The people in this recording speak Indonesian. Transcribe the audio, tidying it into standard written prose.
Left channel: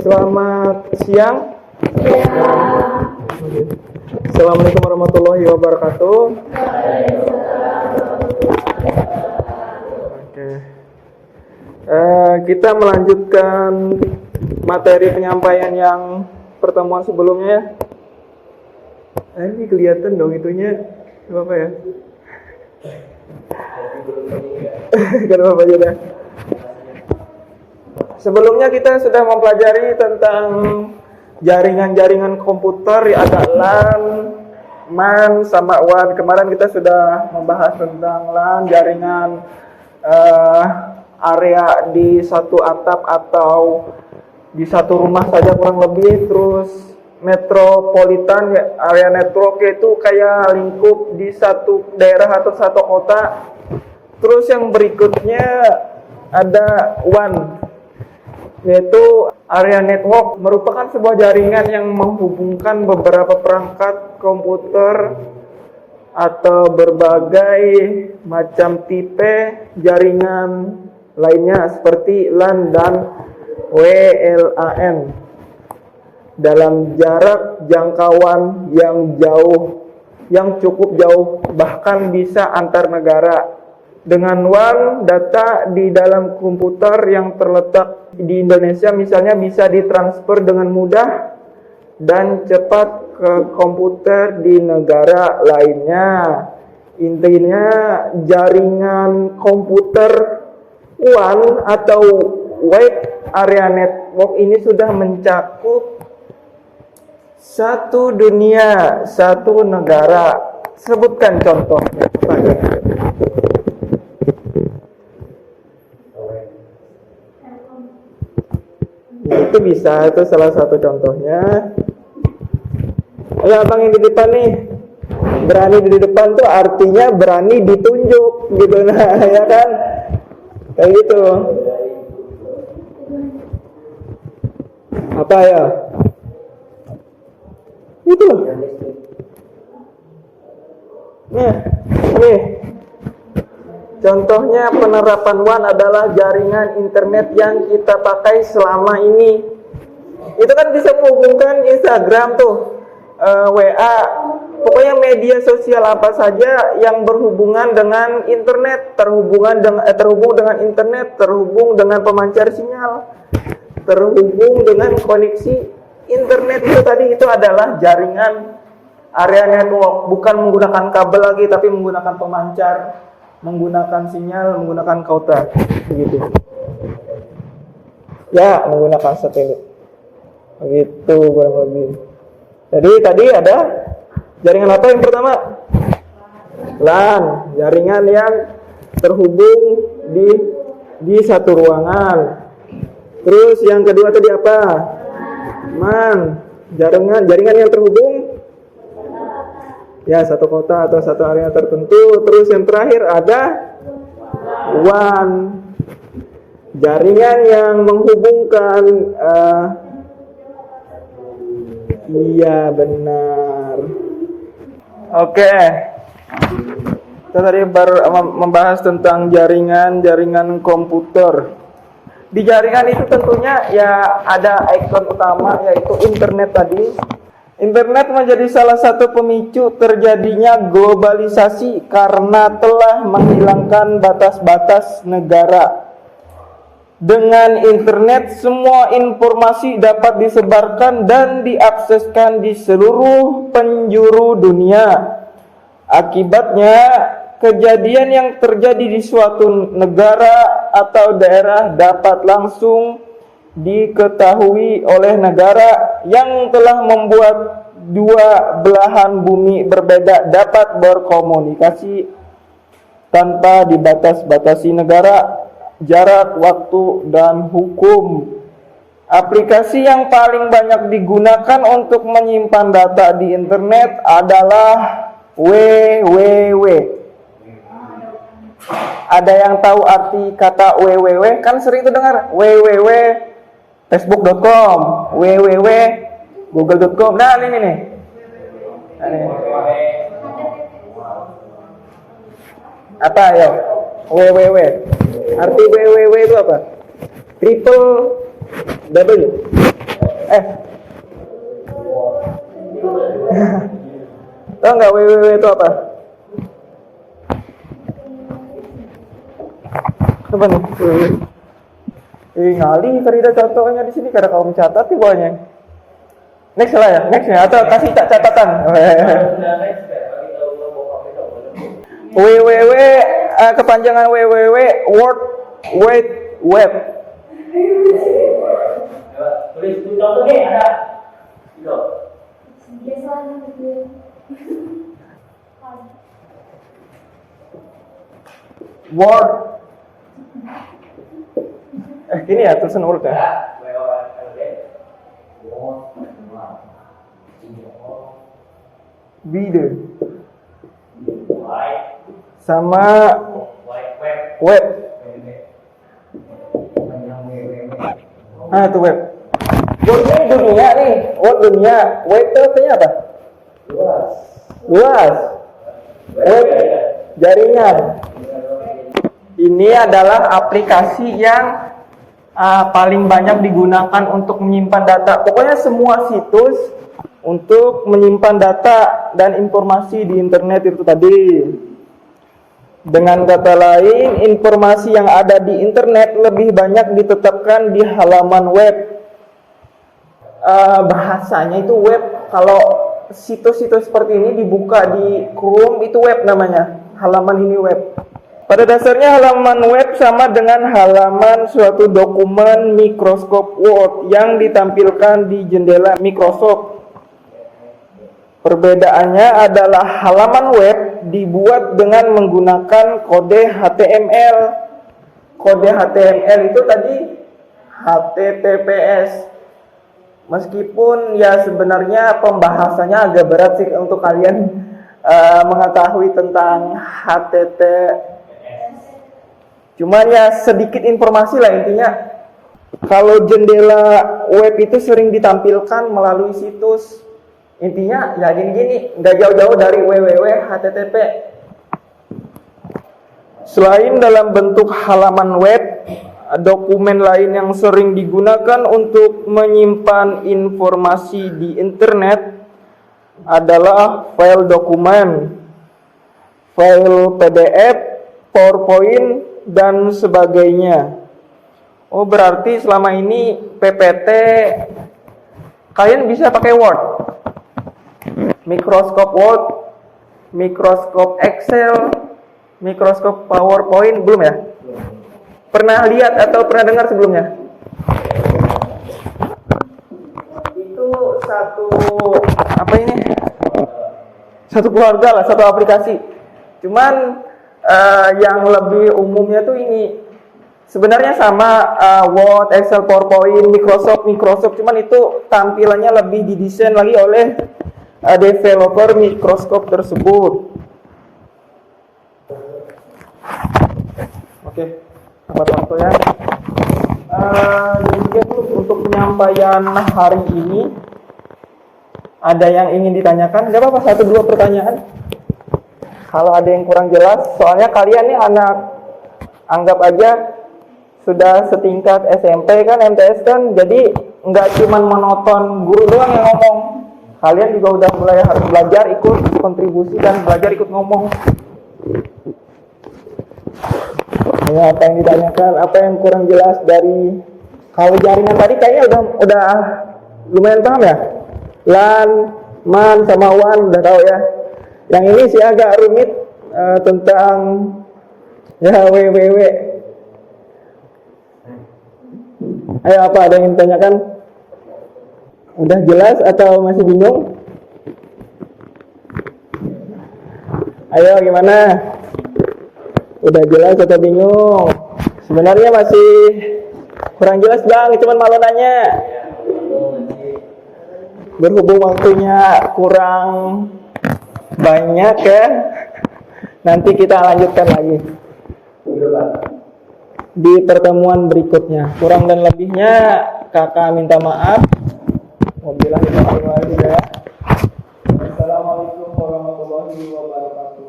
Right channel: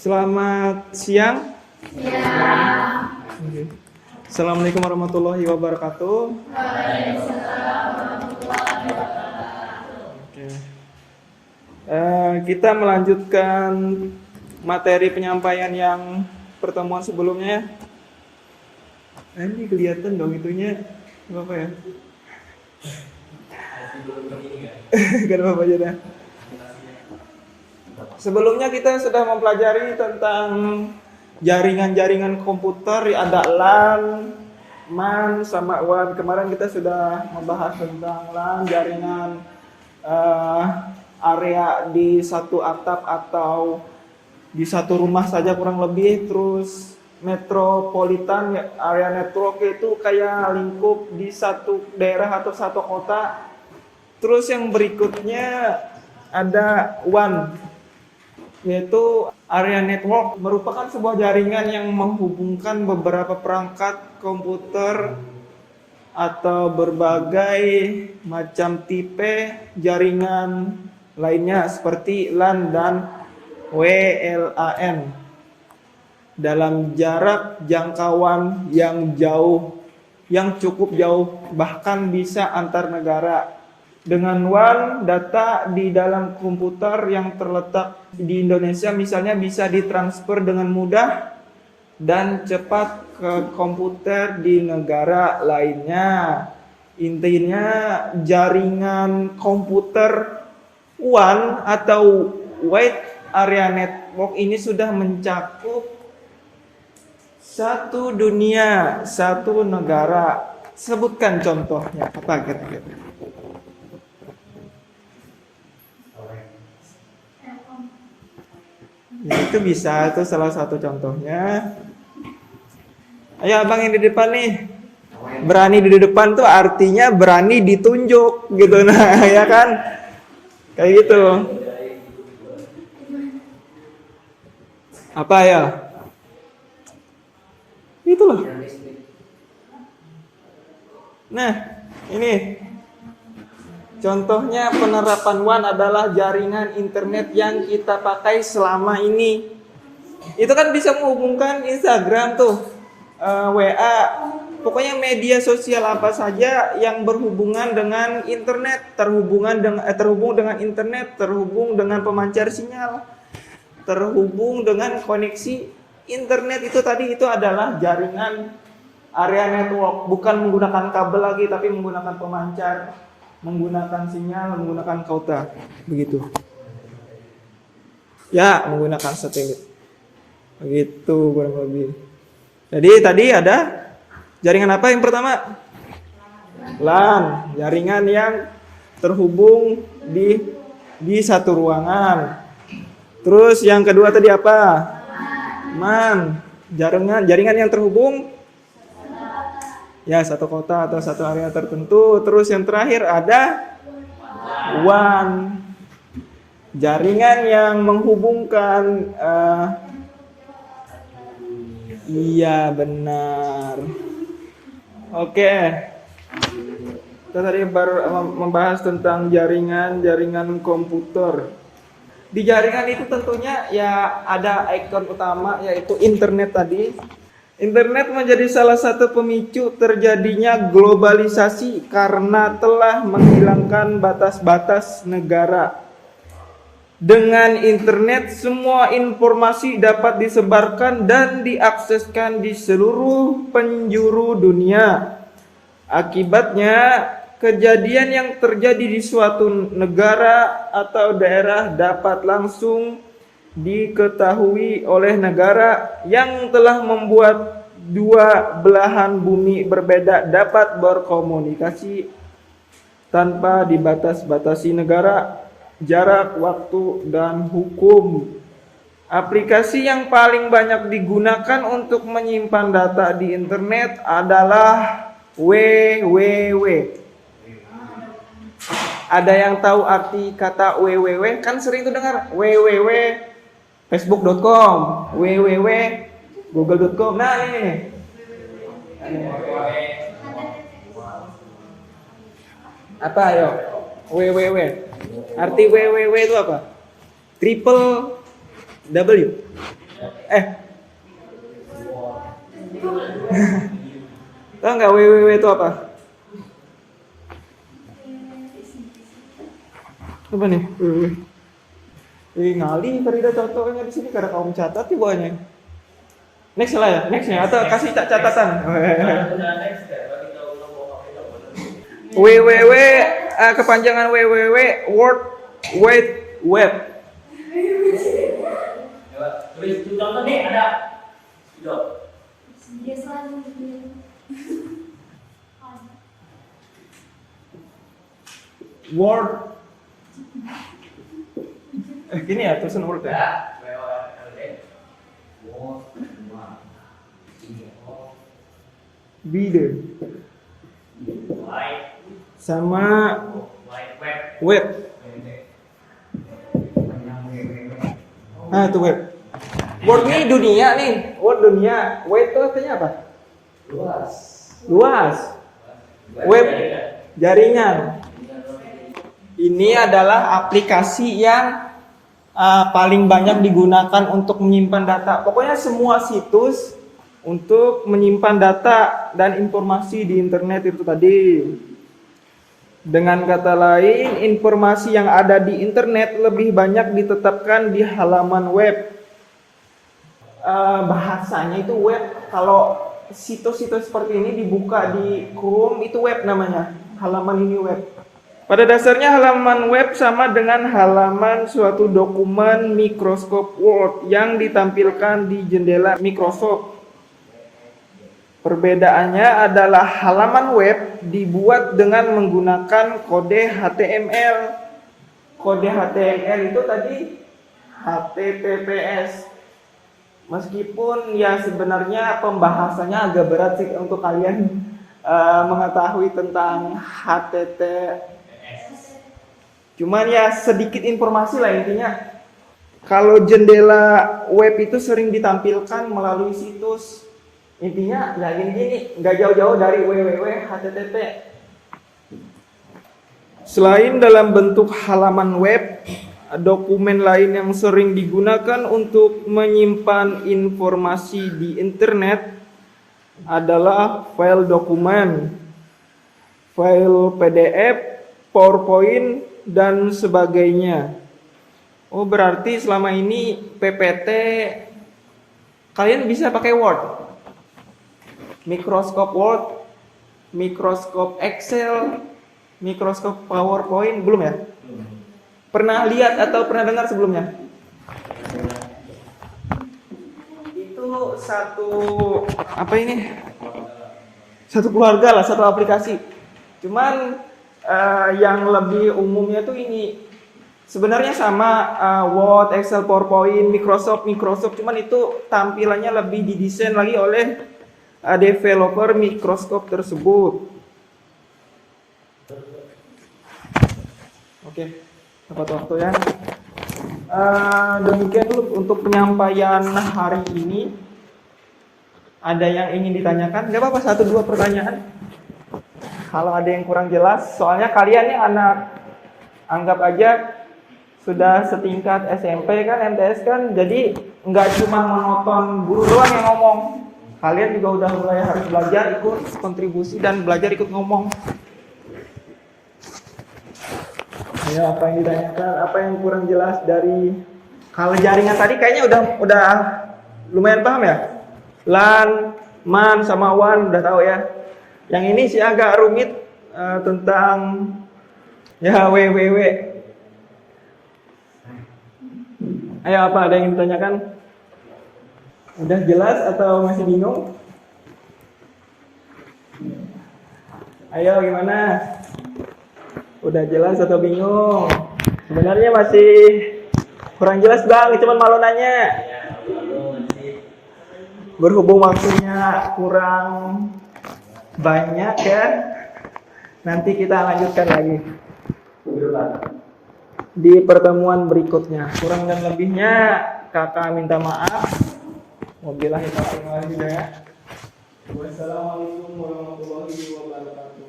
Selamat siang. Assalamualaikum warahmatullahi wabarakatuh. Oke. Kita melanjutkan materi penyampaian yang pertemuan sebelumnya ya. Ini kelihatan dong itunya. Apa ya? Kan apa aja dah. Sebelumnya kita sudah mempelajari tentang jaringan-jaringan komputer, ya ada LAN, MAN, sama WAN. Kemarin kita sudah membahas tentang LAN, jaringan area di satu atap atau di satu rumah saja kurang lebih. Terus metropolitan, ya, area network itu kayak lingkup di satu daerah atau satu kota. Terus yang berikutnya ada WAN, yaitu area network, merupakan sebuah jaringan yang menghubungkan beberapa perangkat komputer atau berbagai macam tipe jaringan lainnya seperti LAN dan WLAN dalam jarak jangkauan yang jauh, yang cukup jauh, bahkan bisa antar negara. Dengan WAN, data di dalam komputer yang terletak di Indonesia misalnya bisa ditransfer dengan mudah dan cepat ke komputer di negara lainnya. Intinya jaringan komputer WAN atau Wide Area Network ini sudah mencakup satu dunia, satu negara. Sebutkan contohnya. Itu bisa, itu salah satu contohnya. Ayo abang yang di depan nih. Berani di depan tuh artinya berani ditunjuk gitu, nah ya kan? Kayak gitu. Apa ya? Itu loh. Nah, ini contohnya penerapan WAN adalah jaringan internet yang kita pakai selama ini. Itu kan bisa menghubungkan Instagram tuh, WA, pokoknya media sosial apa saja yang berhubungan dengan internet, terhubung dengan internet, terhubung dengan pemancar sinyal, terhubung dengan koneksi internet. Itu tadi itu adalah jaringan area network, bukan menggunakan kabel lagi tapi menggunakan pemancar, menggunakan sinyal, menggunakan kauta, begitu. Ya, menggunakan satelit. Begitu kurang lebih. Jadi tadi ada jaringan apa yang pertama? LAN, jaringan yang terhubung di satu ruangan. Terus yang kedua tadi apa? MAN, jaringan yang terhubung ya satu kota atau satu area tertentu. Terus yang terakhir ada WAN, jaringan yang menghubungkan iya benar. Oke, kita tadi baru membahas tentang jaringan komputer. Di jaringan itu tentunya ya ada ikon utama, yaitu internet tadi. Internet menjadi salah satu pemicu terjadinya globalisasi karena telah menghilangkan batas-batas negara. Dengan internet, semua informasi dapat disebarkan dan diakseskan di seluruh penjuru dunia. Akibatnya, kejadian yang terjadi di suatu negara atau daerah dapat langsung diketahui oleh negara yang telah membuat dua belahan bumi berbeda dapat berkomunikasi tanpa dibatas-batasi negara, jarak, waktu, dan hukum. Aplikasi yang paling banyak digunakan untuk menyimpan data di internet adalah www. Ada yang tahu arti kata www? Kan sering tuh dengar www facebook.com, www google.com. Nah, ini nih. Apa ayo? www. Arti www itu apa? Triple W. Tahu nggak www itu apa? Apa nih? Www. Ngali Farida contohnya di sini karena kamu catat di bawahnya. Next lah ya, next ya atau kasih catatan. www kepanjangan www World Wide Web. Tulis contoh nih ada. World. Gini ya tulisan World ya. Video sama web. Itu web. World ini dunia nih, world dunia. Web itu artinya apa? Luas. Web jaringan. Ini adalah aplikasi yang paling banyak digunakan untuk menyimpan data. Pokoknya semua situs untuk menyimpan data dan informasi di internet itu tadi. Dengan kata lain, informasi yang ada di internet lebih banyak ditetapkan di halaman web. Bahasanya itu web. Kalau situs-situs seperti ini dibuka di Chrome itu web namanya. Halaman ini web. Pada dasarnya halaman web sama dengan halaman suatu dokumen Microsoft Word yang ditampilkan di jendela Microsoft. Perbedaannya adalah halaman web dibuat dengan menggunakan kode HTML. Kode HTML itu tadi HTTPS. Meskipun ya sebenarnya pembahasannya agak berat sih untuk kalian mengetahui tentang HTTPS. Cuman ya sedikit informasi lah intinya. Kalau jendela web itu sering ditampilkan melalui situs. Intinya ya gini-gini, nggak jauh-jauh dari www http. Selain dalam bentuk halaman web, dokumen lain yang sering digunakan untuk menyimpan informasi di internet adalah file dokumen, file PDF, PowerPoint, dan sebagainya. Oh, berarti selama ini PPT kalian bisa pakai Word, Microsoft Word, Microsoft Excel, Microsoft PowerPoint, belum ya? Pernah lihat atau pernah dengar sebelumnya? Itu satu keluarga lah, satu aplikasi. Cuman yang lebih umumnya tuh ini sebenarnya sama Word, Excel, PowerPoint, Microsoft, cuman itu tampilannya lebih didesain lagi oleh developer Microsoft tersebut. Oke, tepat waktu ya. Demikian dulu untuk penyampaian hari ini. Ada yang ingin ditanyakan? Gak apa-apa, 1-2 pertanyaan. Kalau ada yang kurang jelas, soalnya kalian nih anak, anggap aja sudah setingkat SMP kan, MTS kan, jadi nggak cuma monoton guru doang yang ngomong. Kalian juga udah mulai harus belajar ikut kontribusi dan belajar ikut ngomong. Ya, apa yang ditanyakan, apa yang kurang jelas dari kalau jaringan tadi kayaknya udah lumayan paham ya. LAN, MAN sama WAN udah tahu ya. Yang ini sih agak rumit tentang ya www. Ayo, apa ada yang ditanyakan? Udah jelas atau masih bingung? Ayo gimana? Udah jelas atau bingung? Sebenarnya masih kurang jelas bang, cuman malu nanya. Berhubung waktunya kurang banyak ya, nanti kita lanjutkan lagi di pertemuan berikutnya. Kurang dan lebihnya kakak minta maaf. Wabillahi taufiq ya. Wassalamualaikum warahmatullahi wabarakatuh.